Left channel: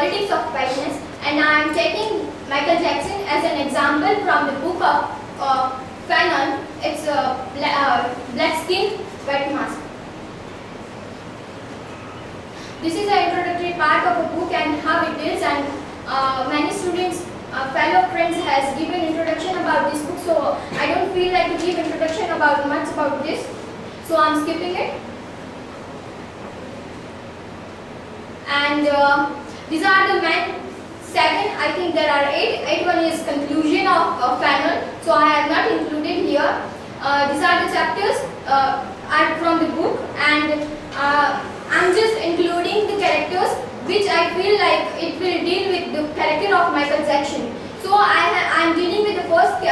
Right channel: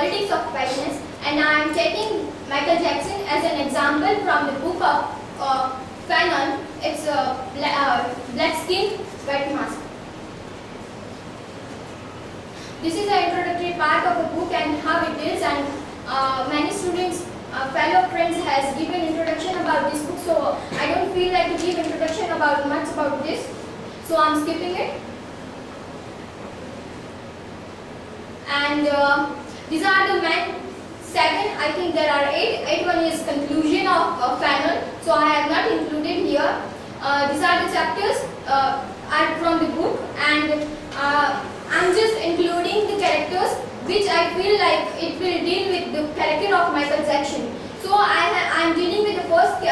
Politics of Whiteness, and I am taking Michael Jackson as an example from the book of Fanon. It's Black Skin, White Mask. This is the introductory part of the book and how it is, and many students, fellow friends has given introduction about this book, so I don't feel like to give introduction about much about this, so I'm skipping it. And these are the main 7, I think there are 8. 8 one is conclusion of Fanon, so I have not included here. These are the chapters are from the book, and I'm just including the characters which I feel like it will deal with the character of Michael Jackson. So I'm dealing with the first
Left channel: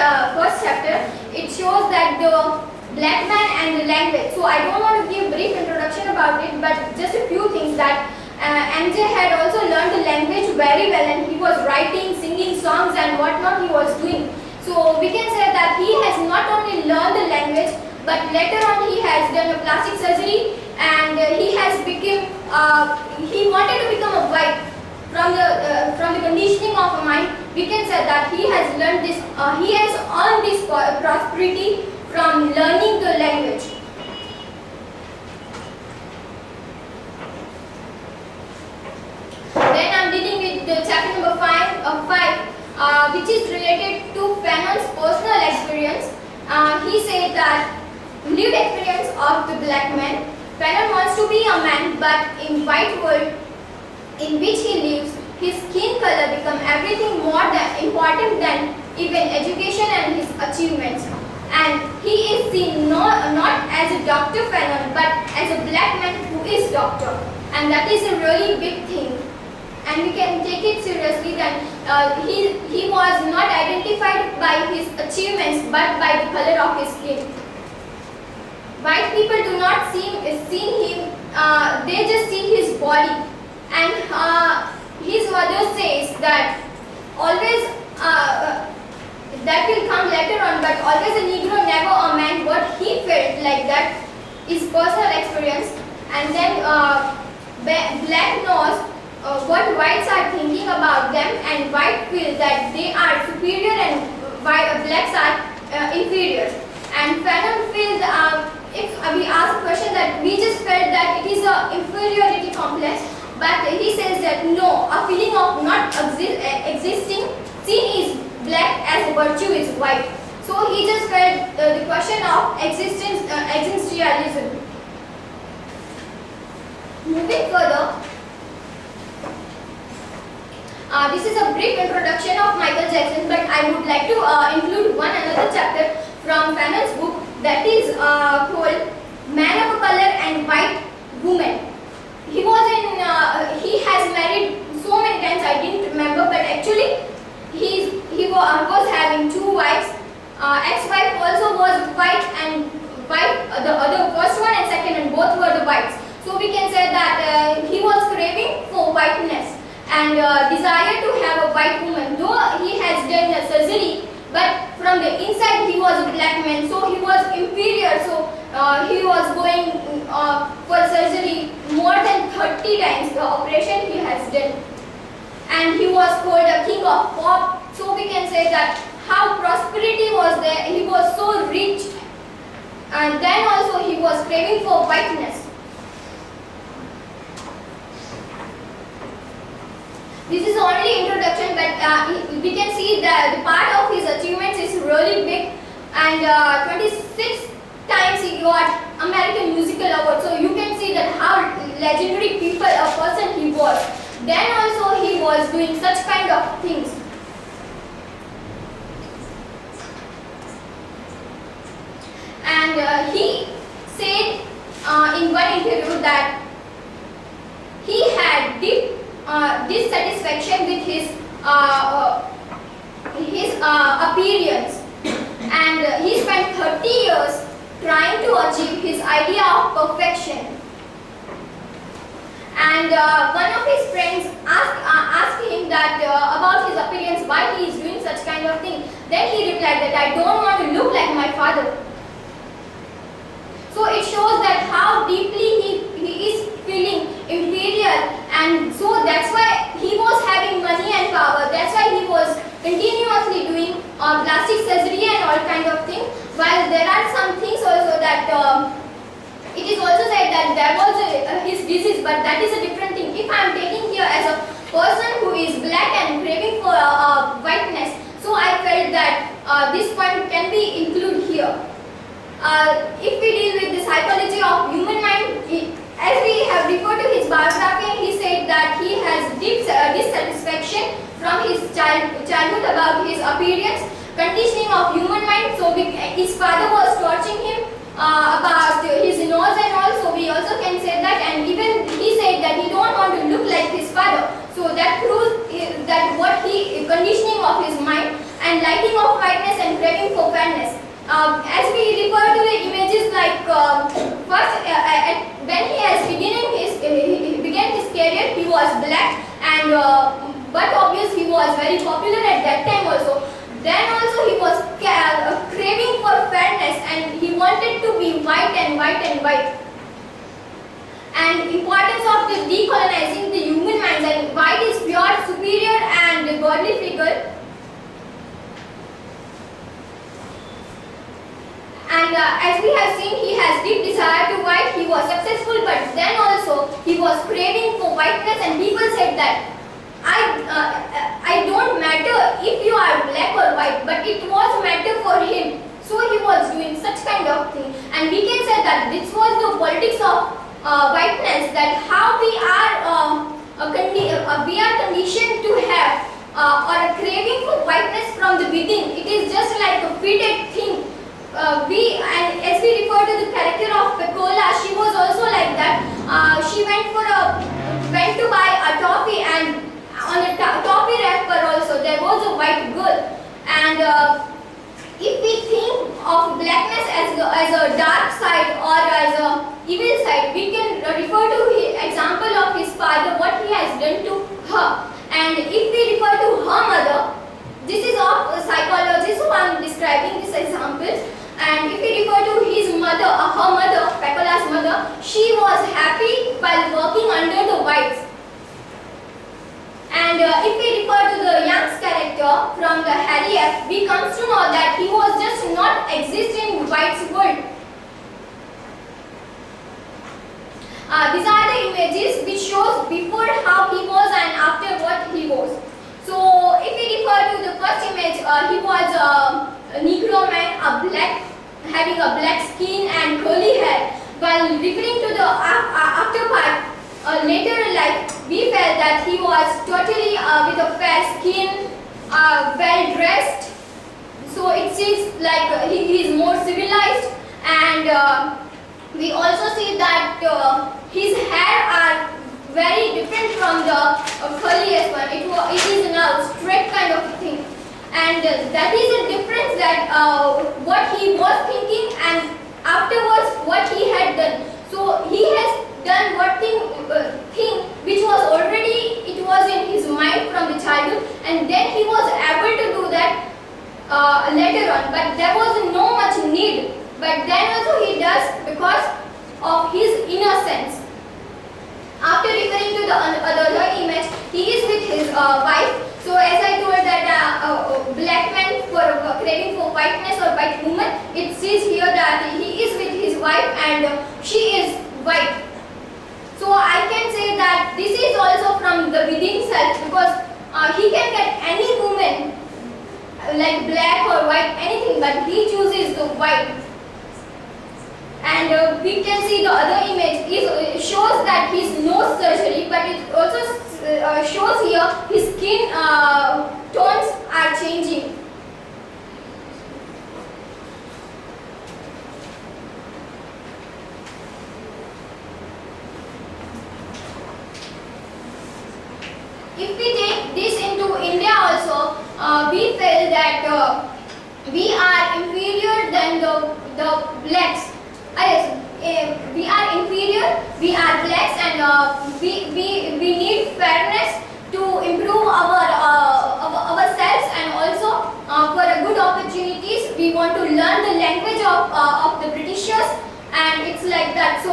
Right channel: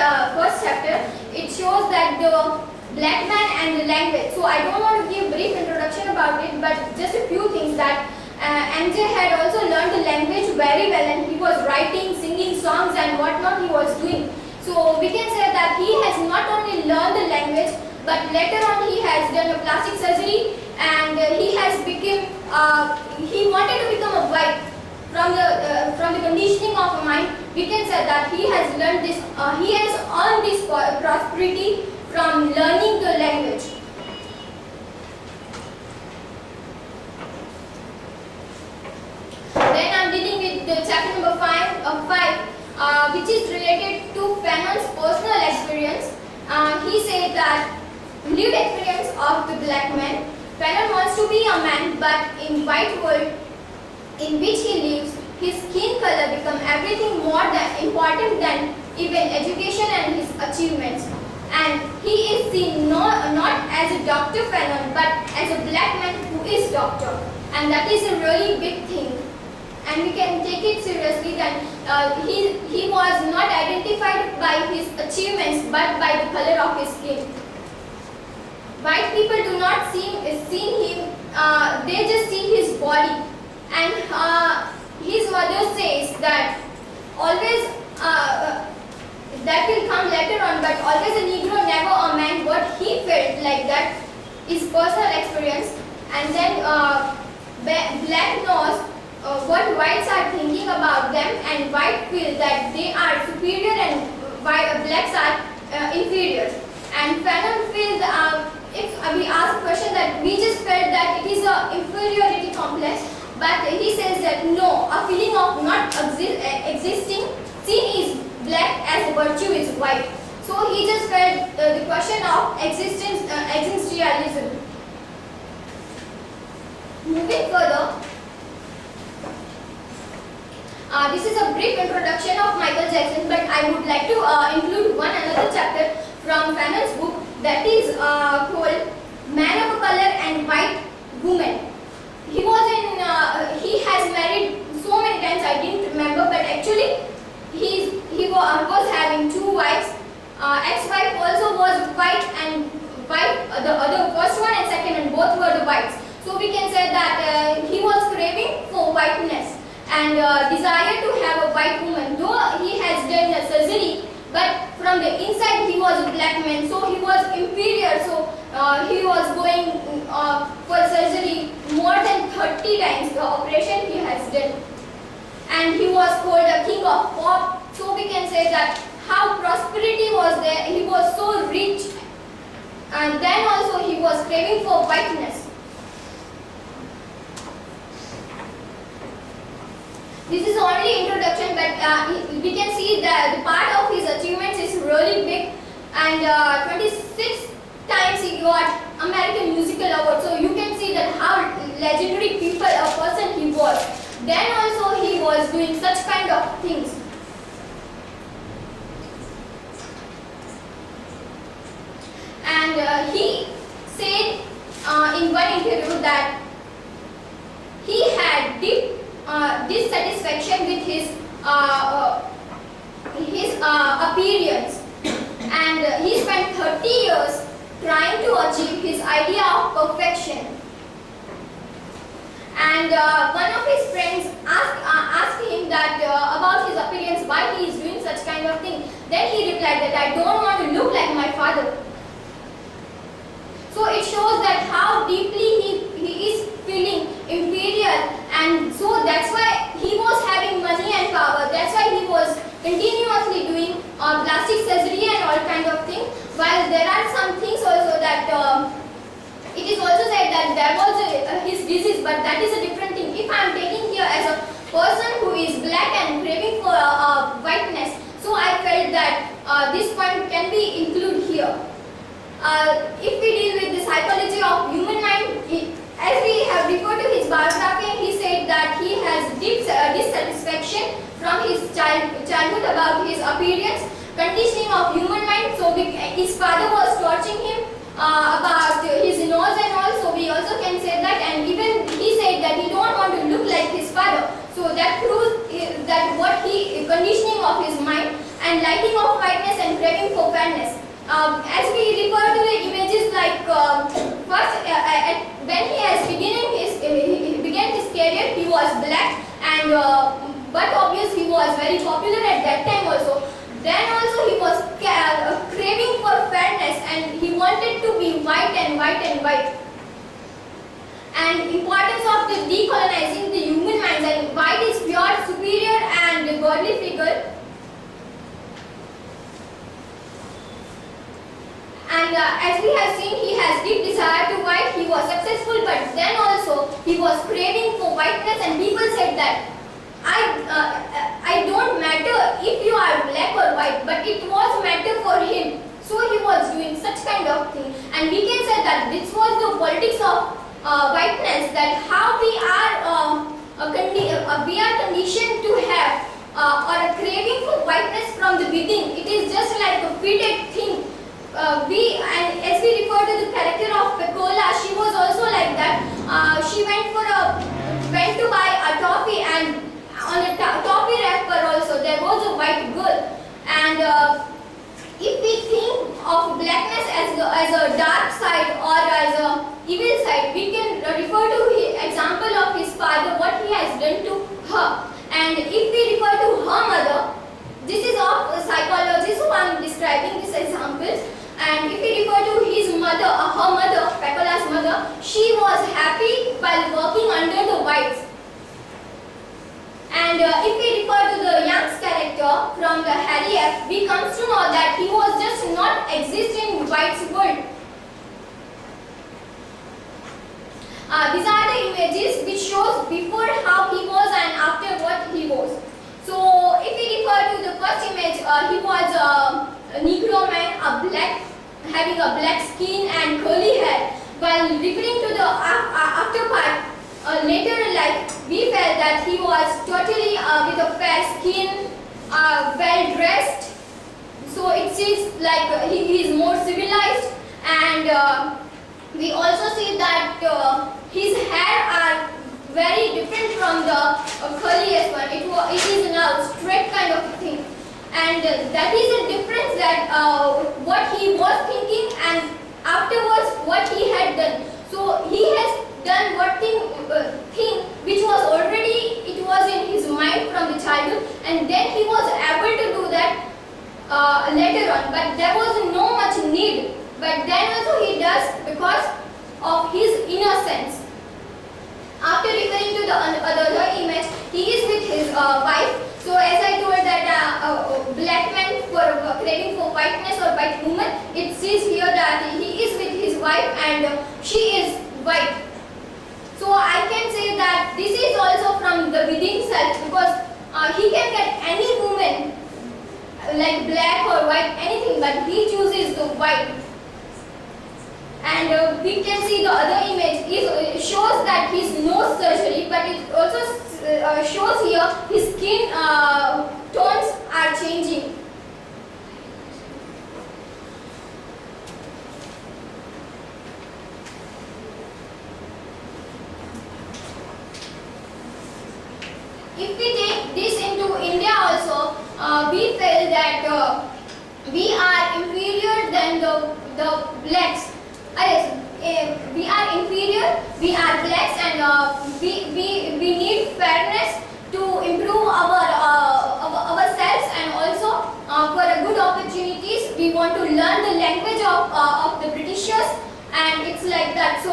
chapter. It shows that the black man and the language. So I don't want to give brief introduction about it, but just a few things that MJ had also learned the language very well, and he was writing, singing songs and whatnot he was doing. So we can say that he has not only learned the language, but later on he has done a plastic surgery, and he has become, he wanted to become a white. From the conditioning of a mind, we can say that he has learned this, he has earned this prosperity from learning the language. Then I'm dealing with the chapter number 5, which is related to Fanon's personal experience. He said that lived experience of the black man. Fanon wants to be a man, but in white world in which he lives, his skin color becomes everything more than important than even education and his achievements. And he is seen not as a Dr. Fanon, but as a black man who is doctor. And that is a really big thing. And we can take it seriously that he was not identified by his achievements, but by the color of his skin. White people do not see him, they just see his body. And his mother says that always, that will come later on, but always a Negro, never a man. What he felt like that is personal experience. And then black knows what whites are thinking about them, and white feel that they are superior and blacks are inferior. And Fanon feels, if we ask a question, that we just felt that it is an inferiority complex, but he says that no, a feeling of not existing, seen is black as a virtue is white. So he just felt the question of existentialism. Moving further, this is a brief introduction of Michael Jackson, but I would like to include another chapter from Fanon's book, that is called Man of Color and White Woman. He has married so many times, I didn't remember, but actually he was having 2 wives. Ex-wife also was white, and the other first one and second, and both were the whites. So we can say that he was craving for whiteness and desire to have a white woman. Though he has done a surgery, but from the inside he was a black man, so he was inferior. So he was going for surgery more than 30 times the operation he has done. And he was called a king of pop. So we can say that how prosperity was there, he was so rich. And then also he was craving for whiteness. This is only introduction, but we can see that the part of his achievements is really big, and 26 times he got American Musical Award. So you can see that how legendary a person he was. Then also he was doing such kind of things. And he said in one interview that he had deep dissatisfaction with his appearance, and he spent 30 years trying to achieve his idea of perfection. And one of his friends asked him that about his appearance, why he is doing such kind of thing. Then he replied that I don't want to look like my father. So it shows that how deeply he is feeling inferior, and so that's why he was but that is a different thing. If I am taking here as a person who is black and craving for whiteness, so I felt that this point can be included here. If we deal with the psychology of human mind, as we have referred to his biography, he said that he has deep dissatisfaction from his childhood about his appearance, conditioning of human mind. So his father was torturing him about his nose and all. So we also can say that, and even he said that he don't want to look like his father. So that proves that what he conditioning of his mind and liking of whiteness and craving for fairness. As we refer to the images, like first when he began his career, he was black, and but obviously he was very popular at that time also. Then also he was craving for fairness, and he wanted to be white and white and white. And importance of the decolonizing the human minds, and white is pure, superior and godly figure. And as we have seen, he has deep desire to white. He was successful, but then also he was craving for whiteness, and people said that I don't matter if you are black or white, but it was matter for him. So he was doing such kind of thing, and we can say that this was the politics of whiteness. That how we are conditioned to have or a craving for whiteness from the within. It is just like a fitted thing. And as we refer to the character of Pecola, she was also like that. She went to buy a toffee, and on a toffee wrapper also there was a white girl. And if we think of blackness as a dark side or as a evil side, we can refer to the example of his father, what he has done to her. And if we refer to her mother, this is of psychology, so I am describing these examples. And if we refer to his mother, her mother, Pecola's mother, she was happy while working under the whites. And if we refer to the Young's character from the Harry F, we come to know that he was just not existing in white's world. These are the images which shows before how he was and after what he was. So if we refer to the first image, he was a Negro man, having a black skin and curly hair. While referring to the after part, later in life, we felt that he was totally with a fair skin, well dressed. So it seems like he is more civilized, and we also see that his hair are very different from the curliest one. It is now straight kind of thing. And that is a difference, that what he was thinking and afterwards what he had done. So he has done what thing which was already, it was in his mind from the childhood, and then he was able to do that later on, but there was no much need. But then also he does because of his innocence. After referring to the other image, he is with his wife. So as I told that black man for craving for whiteness or white woman, it says here that he is with his wife and she is white. So I can say that this is also from the within self, because he can get any woman like black or white, anything, but he chooses the white. And we can see the other image shows that his nose surgery, but it also shows here his skin tones are changing. If we take this into India also, we feel that we are inferior than the blacks. We are inferior, we are blacks, and we need fairness to improve ourselves, and also for a good opportunities we want to learn the language of the Britishers, and it's like that. So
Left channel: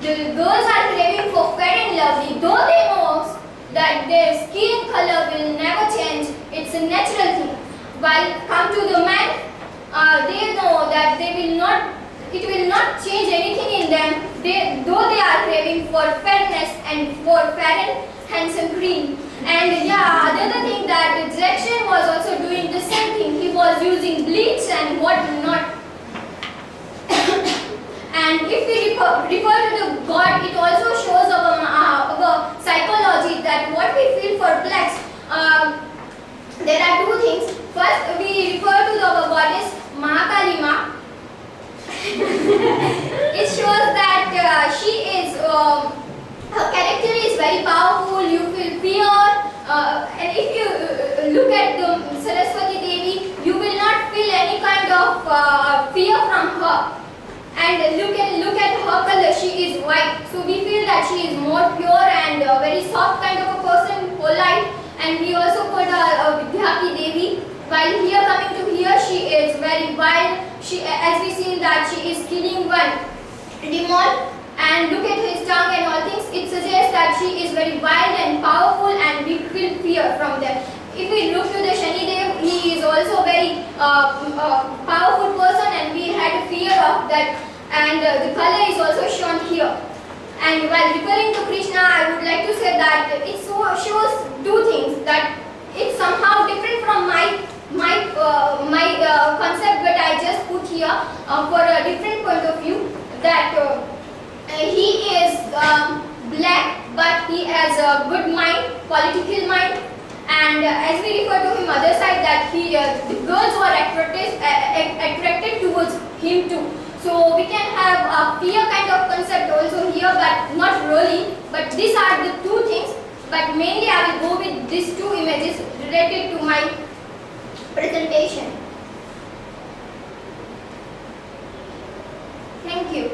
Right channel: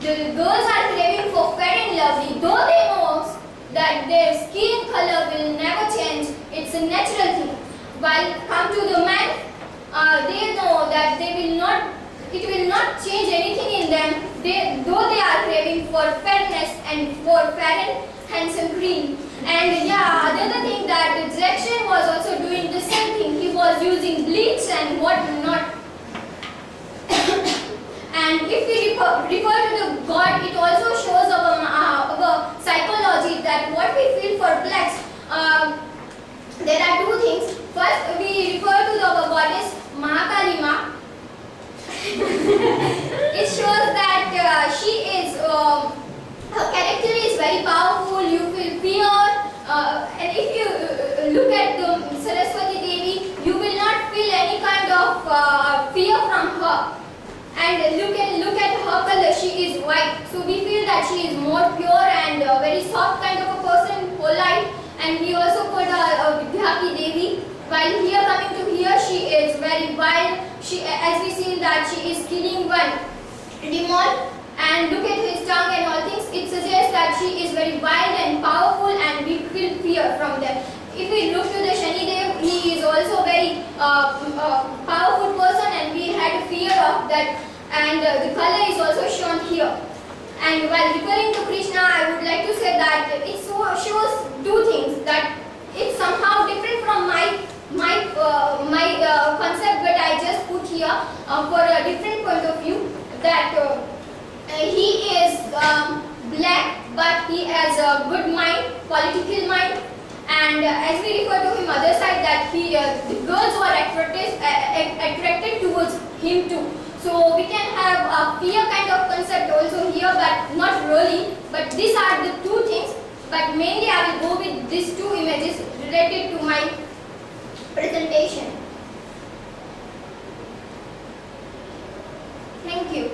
the girls are craving for fair and lovely, though they know that their skin color will never change, it's a natural thing. While come to the man, they know that it will not change anything in them, though they are craving wore fair and handsome green. And yeah, another thing that Jackson was also doing the same thing. He was using bleach and what not. And if we refer to the God, it also shows our psychology that what we feel for blacks. There are two things. First, we refer to our goddess Mahakali Ma. It shows that she is, her character is very powerful. You feel fear, and if you look at the Saraswati Devi, you will not feel any kind of fear from her. And look at her color. She is white, so we feel that she is more pure and very soft kind of a person, polite. And we also put Vidyaki Devi. While here coming to here, she is very wild. She, as we seen that she is killing one demon. And look at his tongue and all things. It suggests that she is very wild and powerful, and we feel fear from them. If we look to the Shani Dev, he is also very powerful person, and we had fear of that. And the color is also shown here. And while referring to Krishna, I would like to say that it shows two things. That it's somehow different from my concept, but I just put here for a different point of view. That he is black, but he has a good mind, political mind. And as we refer to him other side, that the girls were attracted towards him too. So we can have a fear kind of concept also here, but not really. But these are the two things. But mainly I will go with these two images related to my presentation. Thank you.